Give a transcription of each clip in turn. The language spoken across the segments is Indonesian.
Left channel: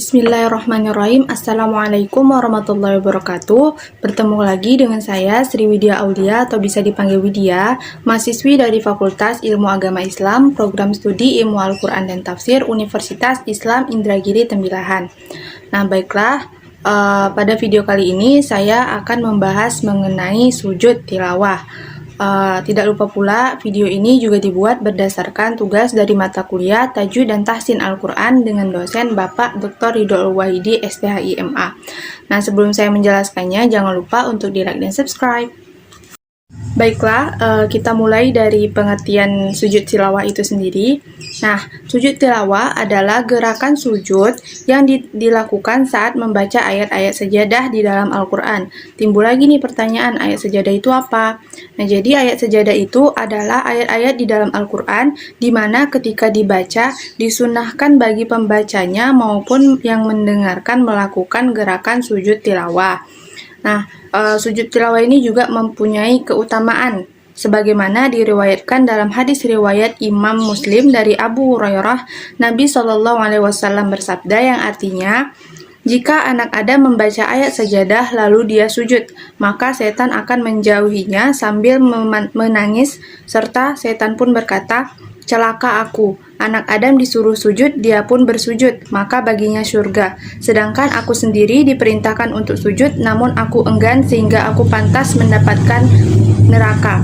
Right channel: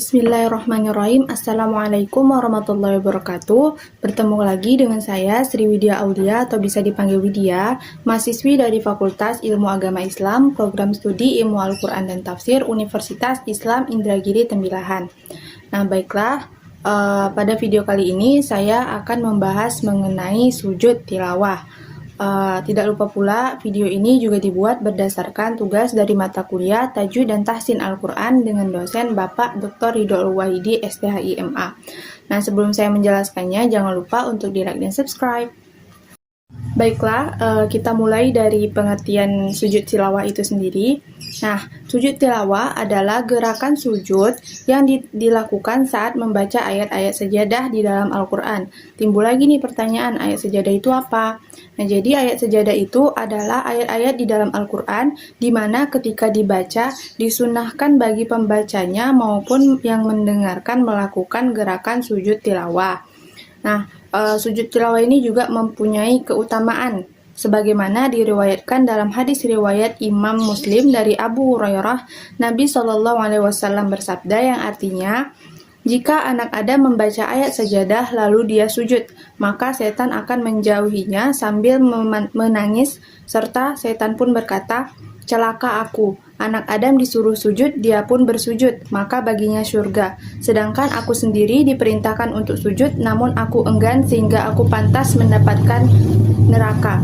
Bismillahirrahmanirrahim. Assalamualaikum warahmatullahi wabarakatuh. Bertemu lagi dengan saya Sri Widya Aulia atau bisa dipanggil Widya, mahasiswi dari Fakultas Ilmu Agama Islam, Program Studi Ilmu Al-Quran dan Tafsir Universitas Islam Indragiri Tembilahan. Nah, baiklah, pada video kali ini saya akan membahas mengenai sujud tilawah. Tidak lupa pula, video ini juga dibuat berdasarkan tugas dari mata kuliah Tajwid dan Tahsin Al-Quran dengan dosen Bapak Dr. Ridho Al-Wahidi, STHI MA. Nah, sebelum saya menjelaskannya, jangan lupa untuk di-like dan subscribe. Baiklah, kita mulai dari pengertian sujud tilawah itu sendiri. Nah, sujud tilawah adalah gerakan sujud yang dilakukan saat membaca ayat-ayat sejadah di dalam Al-Quran. Timbul lagi nih pertanyaan, ayat sejadah itu apa? Nah, jadi ayat sejadah itu adalah ayat-ayat di dalam Al-Quran di mana ketika dibaca, disunahkan bagi pembacanya maupun yang mendengarkan melakukan gerakan sujud tilawah. Nah, sujud tilawah ini juga mempunyai keutamaan sebagaimana diriwayatkan dalam hadis riwayat Imam Muslim dari Abu Hurairah. Nabi Shallallahu Alaihi Wasallam bersabda yang artinya, jika anak Adam membaca ayat sajadah lalu dia sujud, maka setan akan menjauhinya sambil menangis, serta setan pun berkata, celaka aku, anak Adam disuruh sujud, dia pun bersujud, maka baginya surga. Sedangkan aku sendiri diperintahkan untuk sujud, namun aku enggan sehingga aku pantas mendapatkan neraka.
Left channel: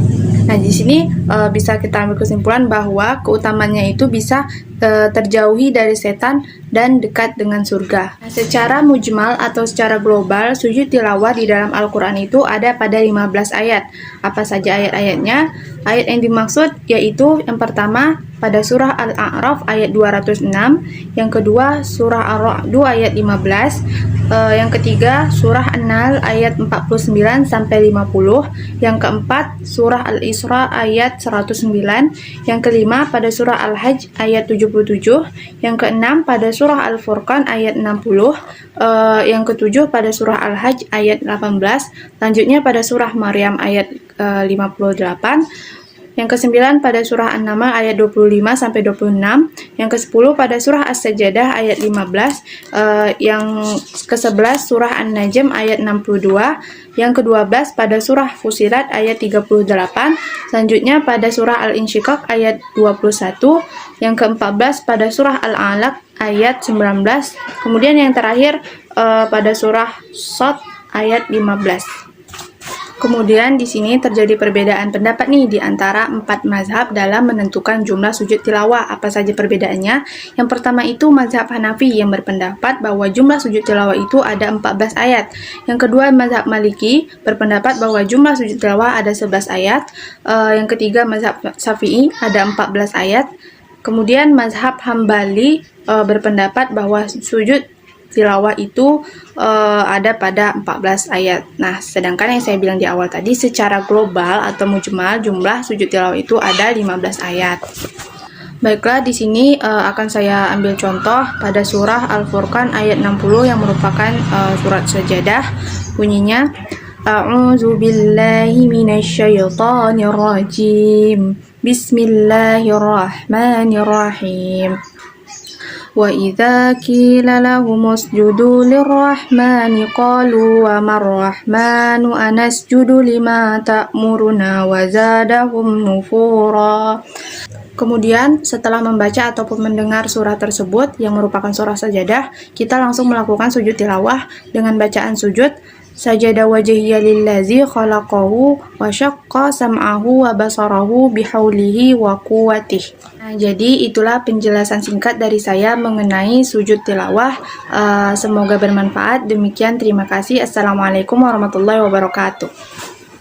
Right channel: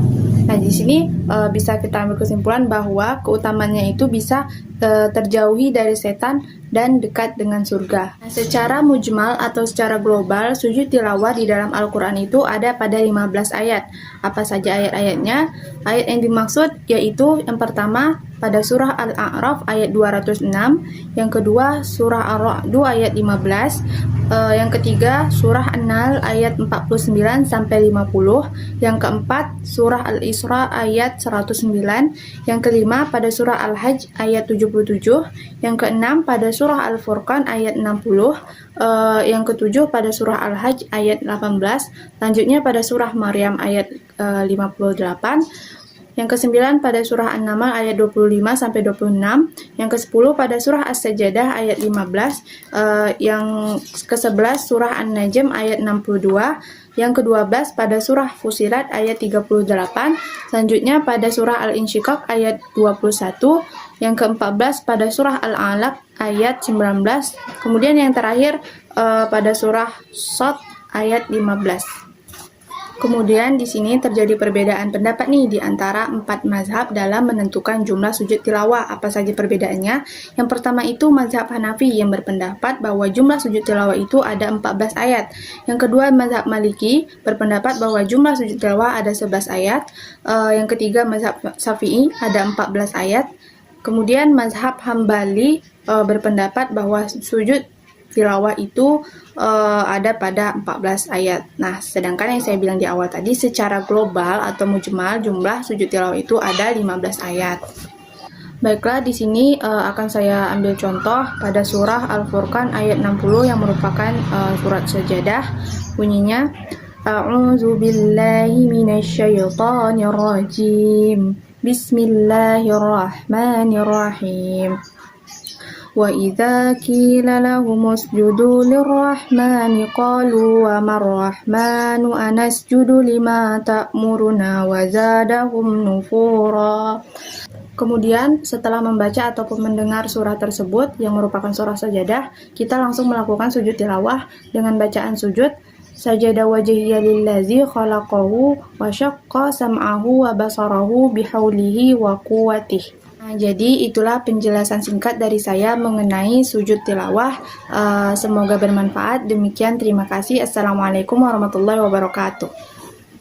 Nah, di sini bisa kita ambil kesimpulan bahwa keutamanya itu bisa terjauhi dari setan dan dekat dengan surga. Nah, secara mujmal atau secara global, sujud tilawah di dalam Al-Quran itu ada pada 15 ayat. Apa saja ayat-ayatnya? Ayat yang dimaksud yaitu yang pertama pada surah Al-A'raf ayat 206, yang kedua surah Ar-Ra'd ayat 15, yang ketiga surah An-Nahl ayat 49 sampai 50, yang keempat surah Al-Isra ayat 109, yang kelima pada surah Al-Hajj ayat 77, yang keenam pada surah Al-Furqan ayat 60, yang ketujuh pada surah Al-Hajj ayat 18, selanjutnya pada surah Maryam ayat 58, yang ke-9 pada surah An-Naml ayat 25 sampai 26, yang ke-10 pada surah As-Sajdah ayat 15, yang ke-11 surah An-Najm ayat 62, yang ke-12 pada surah Fussilat ayat 38, selanjutnya pada surah Al-Insyiqaq ayat 21, yang ke-14 pada surah Al-Alaq ayat 19, kemudian yang terakhir pada surah Shad ayat 15. Kemudian di sini terjadi perbedaan pendapat nih di antara 4 mazhab dalam menentukan jumlah sujud tilawah. Apa saja perbedaannya? Yang pertama itu mazhab Hanafi yang berpendapat bahwa jumlah sujud tilawah itu ada 14 ayat. Yang kedua mazhab Maliki berpendapat bahwa jumlah sujud tilawah ada 11 ayat. Yang ketiga mazhab Syafi'i ada 14 ayat. Kemudian mazhab Hambali berpendapat bahwa sujud tilawah itu ada pada 14 ayat. Nah, sedangkan yang saya bilang di awal tadi secara global atau mujmal jumlah sujud tilawah itu ada 15 ayat. Baiklah, di sini akan saya ambil contoh pada surah Al-Furqan ayat 60 yang merupakan surat sajadah. Bunyinya, A'udzu billahi minasyaitonir rajim. Bismillahirrahmanirrahim. وَإِذَا قِيلَ لَهُمُ اسْجُدُوا لِلرَّحْمَنِ قَالُوا وَمَا الرَّحْمَنُ أَنَسْجُدُ لِمَا تَأْمُرُنَا وَزَادَهُمْ نُفُورًا. Kemudian setelah membaca ataupun mendengar surah tersebut yang merupakan surah sajadah, kita langsung melakukan sujud tilawah dengan bacaan sujud sajada wajhiya lillazi khalaqahu wa syaqqa sam'ahu wa basarahu bihaulihi wa quwwatihi. Nah, jadi itulah penjelasan singkat dari saya mengenai sujud tilawah. Semoga bermanfaat. Demikian, terima kasih. Assalamualaikum warahmatullahi wabarakatuh.